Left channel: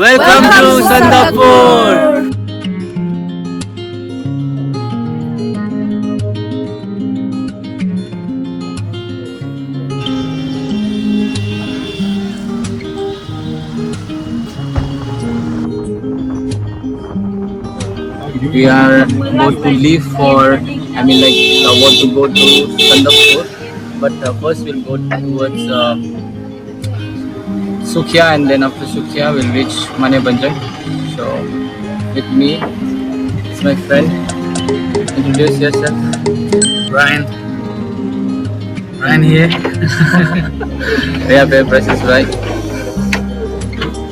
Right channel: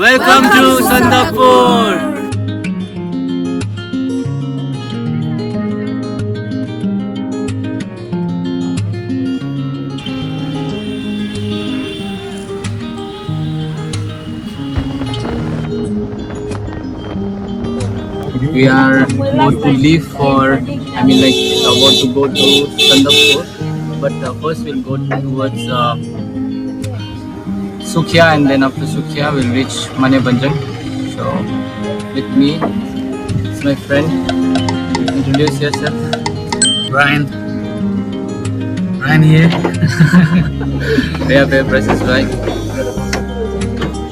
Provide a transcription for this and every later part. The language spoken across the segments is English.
Welcome to Sandakphu. We are about to leave for, about to go to Sandakphu, but first we'll go towards Sukhia, and then after Sukhia we'll reach Manebhanjan. So with me is my friend. Introduce yourself. Ryan here. मेरा पे presses भाई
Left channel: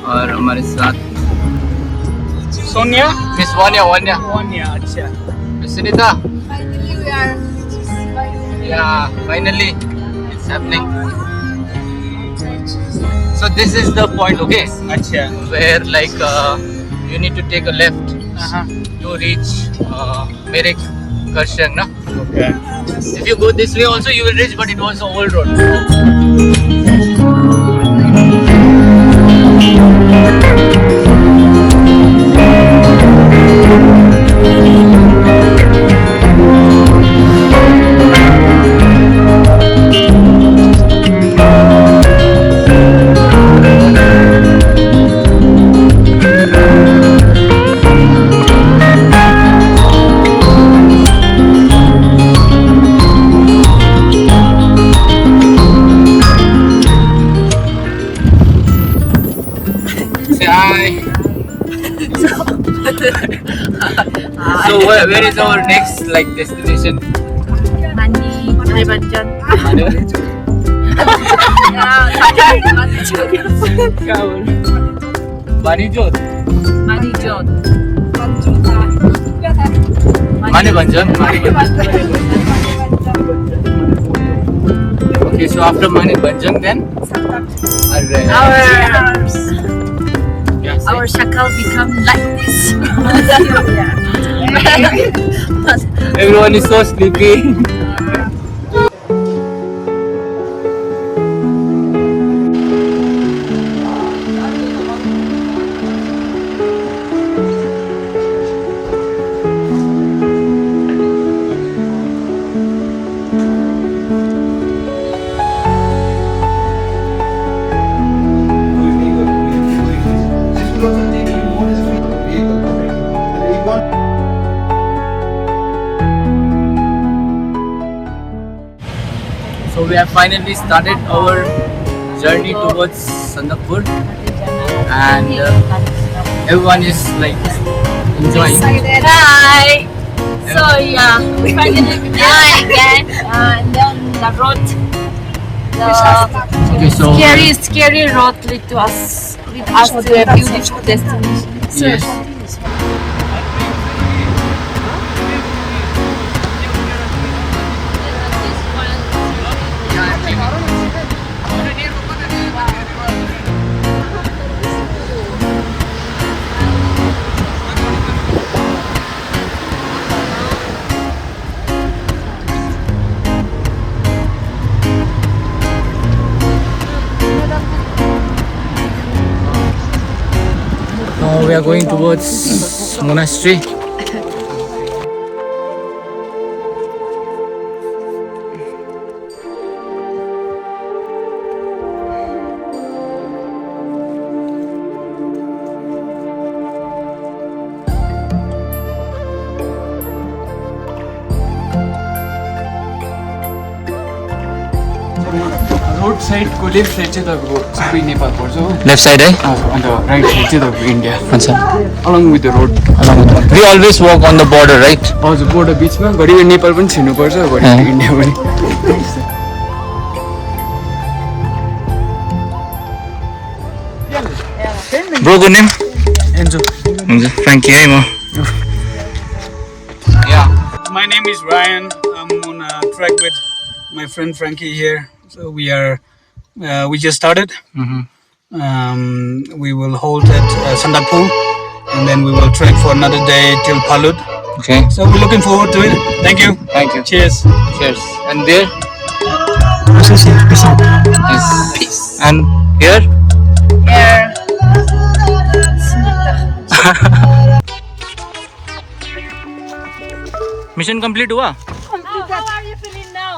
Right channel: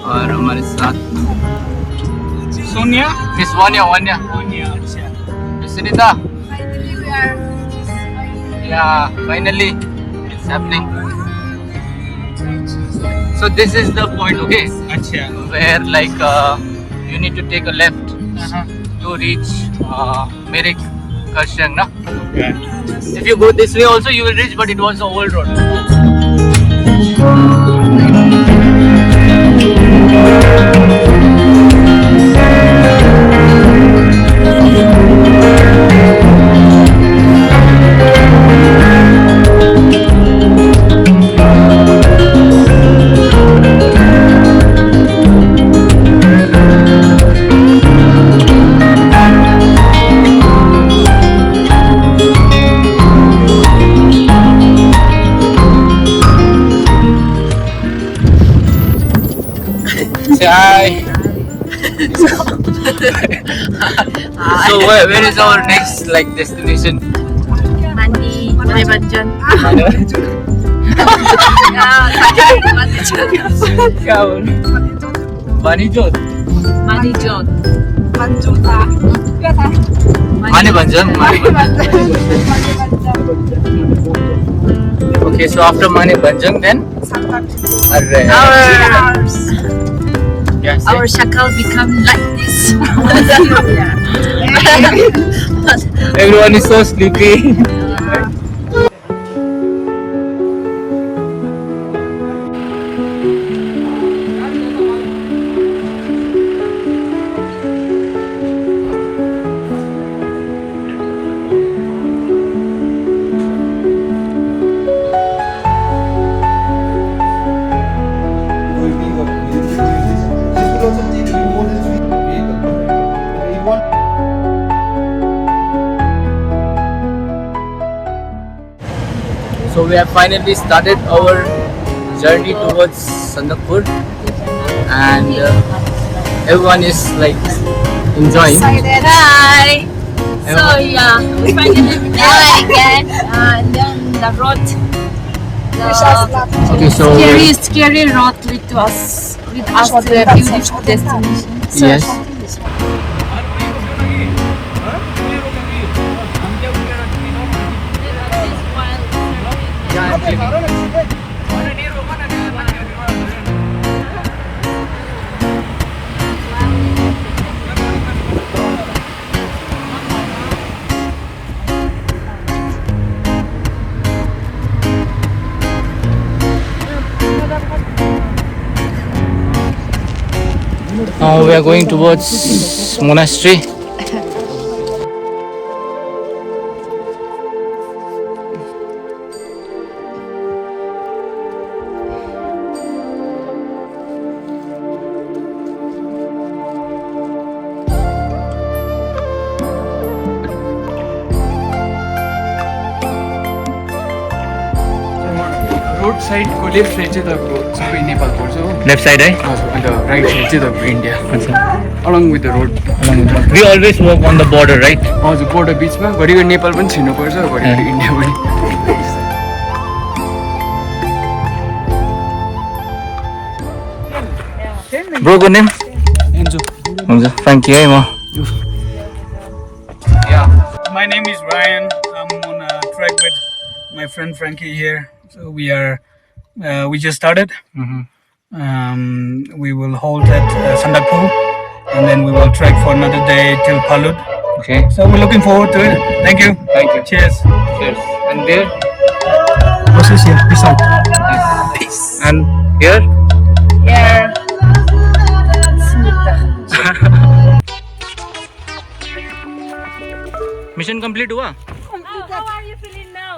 और हमारे साथ Sonia. Miss Wanya. अच्छा. Miss Sunita. Yeah, finally it's happening. So this is the point, okay? अच्छा. Where you need to take a left to reach Merik Karshang, na? Okay. If you go this way also you will reach, but it was the old road. Say hi. So where is our next destination? Manebhanjan. Manijot. Manebhanjan. Okay, so after Manebhanjan then? Our shakal become like this. Everyone is so sleepy. So we have finally started our journey towards Sandakphu, and everyone is enjoying. Hi. So yeah, we finally again, and then the road, Okay, so scary road lead to us to a beautiful destination. So yes. Now we are going towards monastery. Road side को left side चाहिँ तपाईँको सबै नेपाल पर्छ हो. Left side, eh? अन्त right side चाहिँ तपाईँको India. Achha. Along with the road. We always walk on the border, right? हजुर बोर्डर बिचमा घरि नेपाल पनि छिर्नुपर्छ, घरि इन्डिया पनि. Bro, good name? Enzo. Frankie, hey, ma. Yeah. My name is Ryan. I'm on a trek with my friend Frankie here. So we just started. We will halt at Sandakphu, and then we will trek for another day till Phalut. Okay. So we're looking forward to it. Thank you. Thank you. Cheers. Cheers. And there? Peace out. Yes. Peace. And here? Here, mission complete हुआ? How are you feeling now?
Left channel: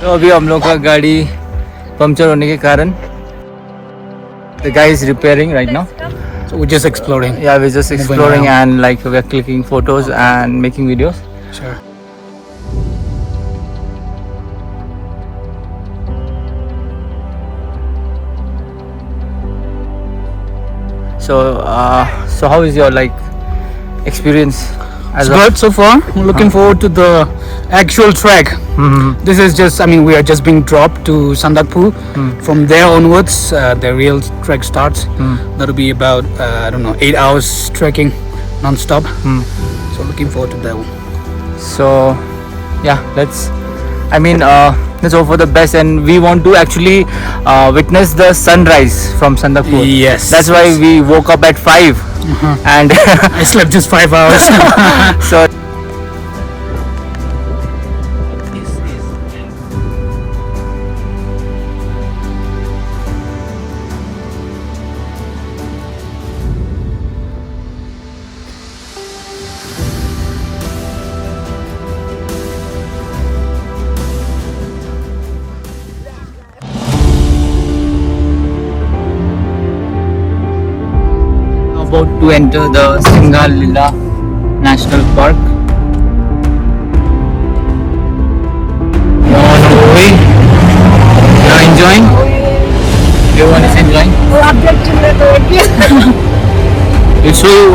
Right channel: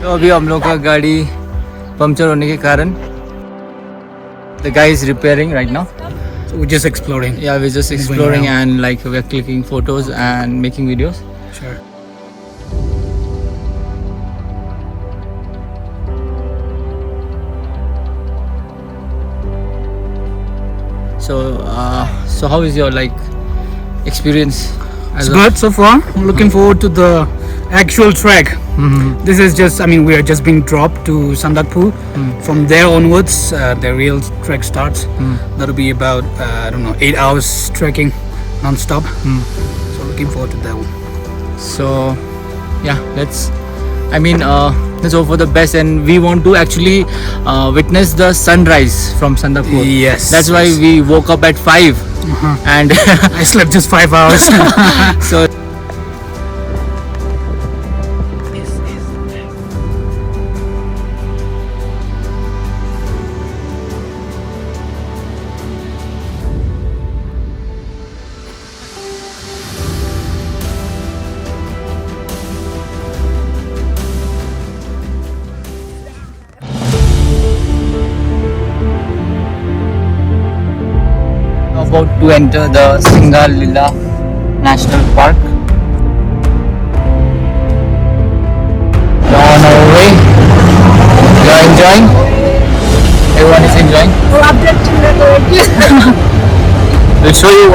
तो अभी हम लोग का गाड़ी puncture होने के कारण the guy is repairing right now. So we're just exploring. Yeah, we're just exploring and like we're clicking photos and making videos. Sure. So how is your like experience? It's good so far. I'm looking forward to the actual trek. This is just, I mean, we are just being dropped to Sandakphu. From there onwards, the real trek starts. That'll be about, I don't know, 8 hours trekking non-stop. So looking forward to that one. So yeah, let's hope for the best, and we want to actually witness the sunrise from Sandakphu. Yes. That's why we woke up at 5 and I slept just 5 hours. so about to enter the Singalila National Park. You're on our way. You're enjoying? Everyone is enjoying? We'll show you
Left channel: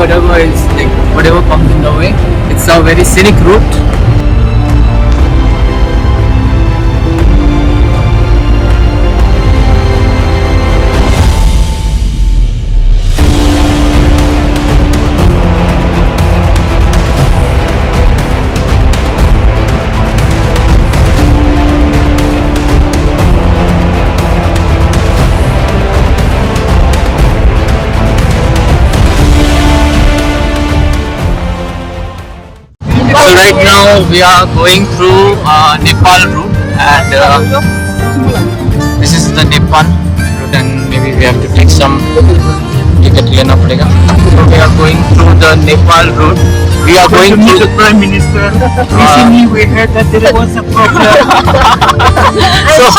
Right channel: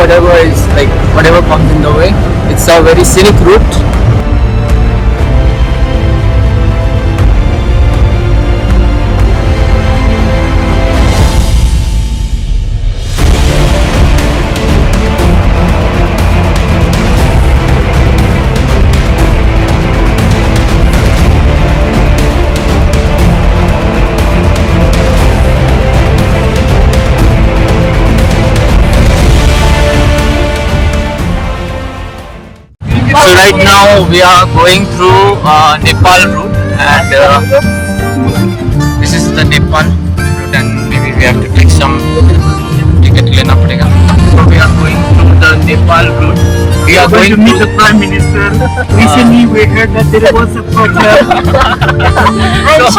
whatever comes in the way. It's a very scenic route. So right now we are going through Nepal route, and this is the Nepal route, and maybe we have to take some ticket lena padega. So we are going through the Nepal route. We are going to meet the Prime Minister. Recently we heard that there was a problem. so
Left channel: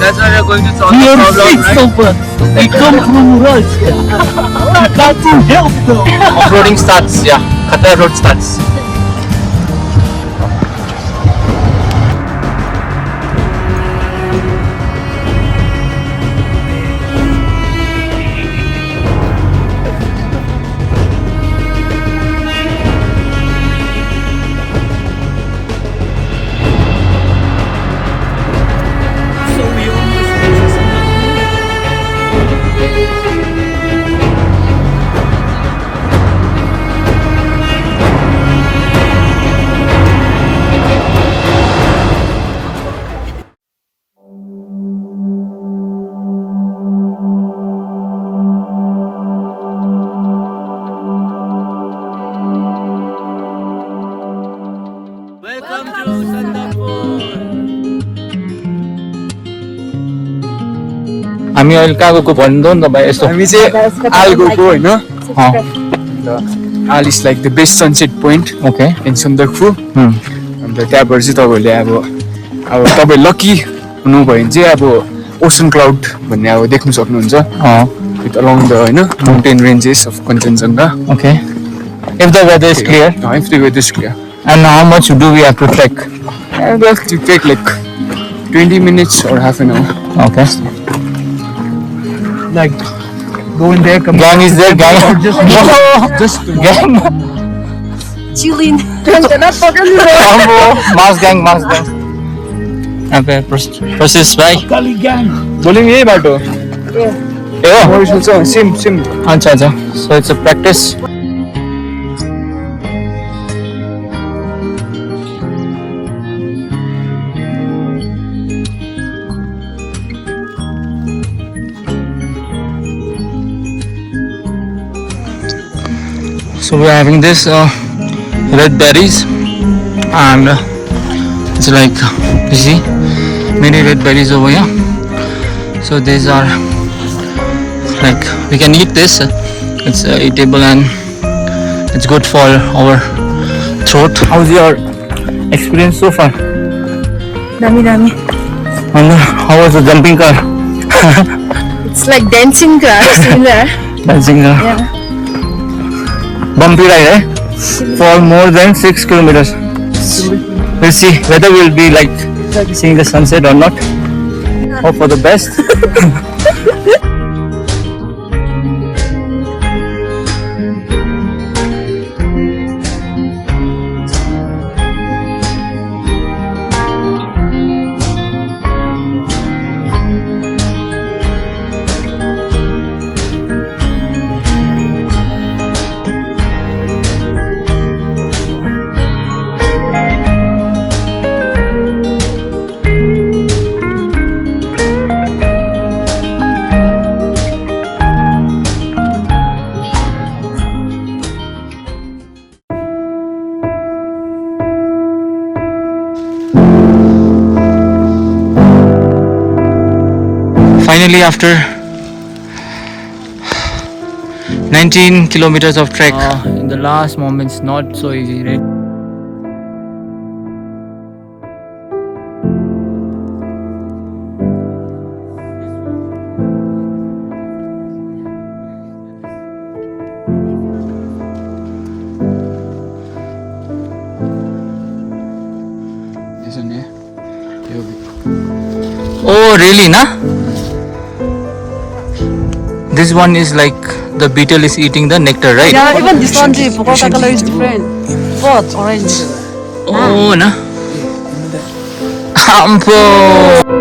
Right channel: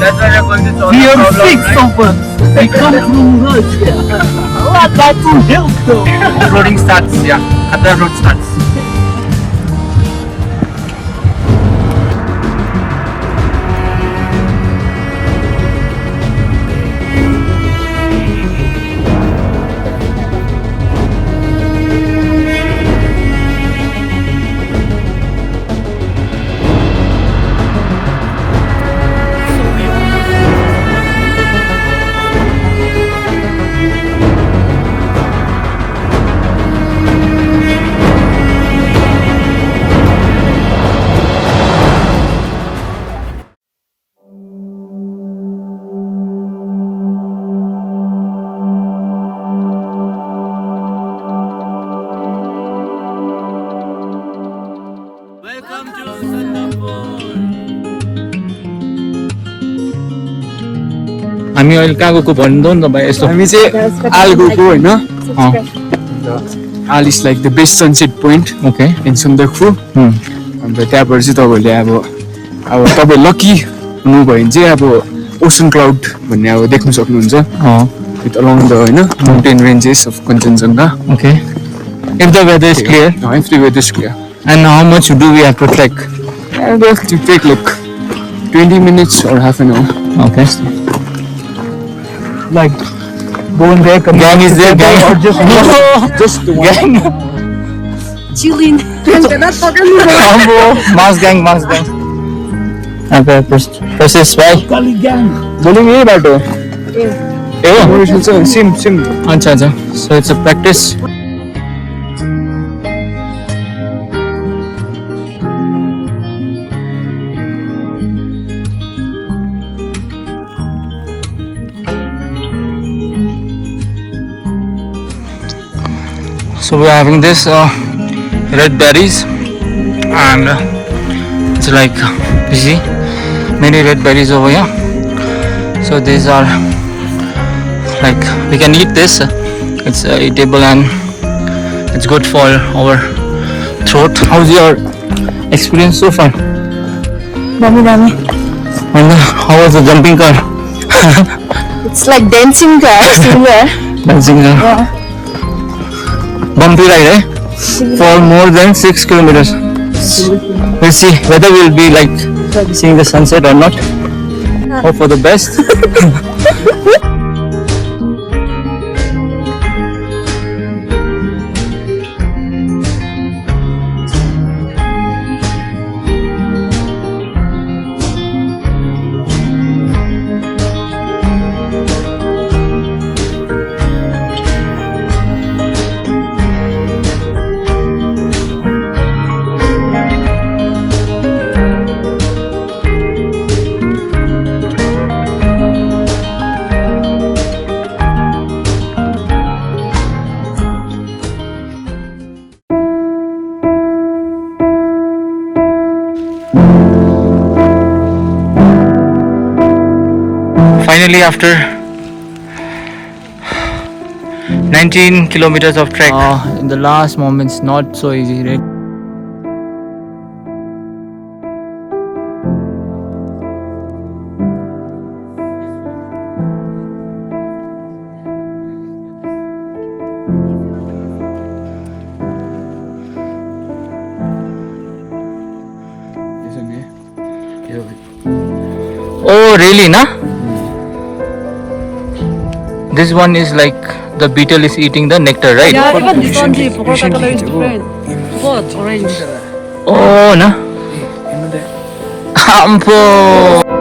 that's why we are going to solve We the are problem, fixed right? over. We come from Russia. We come to help them. Off-roading starts, yeah. Khatra road starts. Welcome to Sandakphu. हामी अहिले कहाँ गएको भन्नु नि त भाइ यस्तो हामी चाहिँ आल गएको होइन आल is like the best sunset point okay in Sandakphu अन्त त्यहाँबाट चाहिँ तपाईँहरूले अब तपाईँ लकी हुनुभयो भने चाहिँ अब ओसन क्लाउड भन्ने अब देख्नु सक्नुहुन्छ विथ अलङ द होइन mountain ranges of Kanchenjunga okay if the weather is clear if the weather is clear and how much do we have to trek? And we have to take like 20 minutes or half an hour. Okay. Like, go in there. Gang is there, gang. Just Gang. Chilling. Mass gang. Okay, press bye. बोलेंगे यही बाटो Oh, same अच्छा. So it's a practice. So we're having this red berries, and it's like, you see, many red berries over here. So these are like, we can eat this. It's eatable and it's good for our throat. How's your experience so far? Dummy. And how was the jumping car? It's like dancing car somewhere. Dancing car. Yeah. Bumpy ride, eh? For more than 6 kilometers. We'll see whether we'll be like seeing the sunset or not. Hope for the best. Finally, after 19 kilometers of trek, in the last moments, not so easy, right? Oh, really, na? This one is like the beetle is eating the nectar, right? Yeah, even this one, the color is different. What? Orange. Oh, na? Ampo.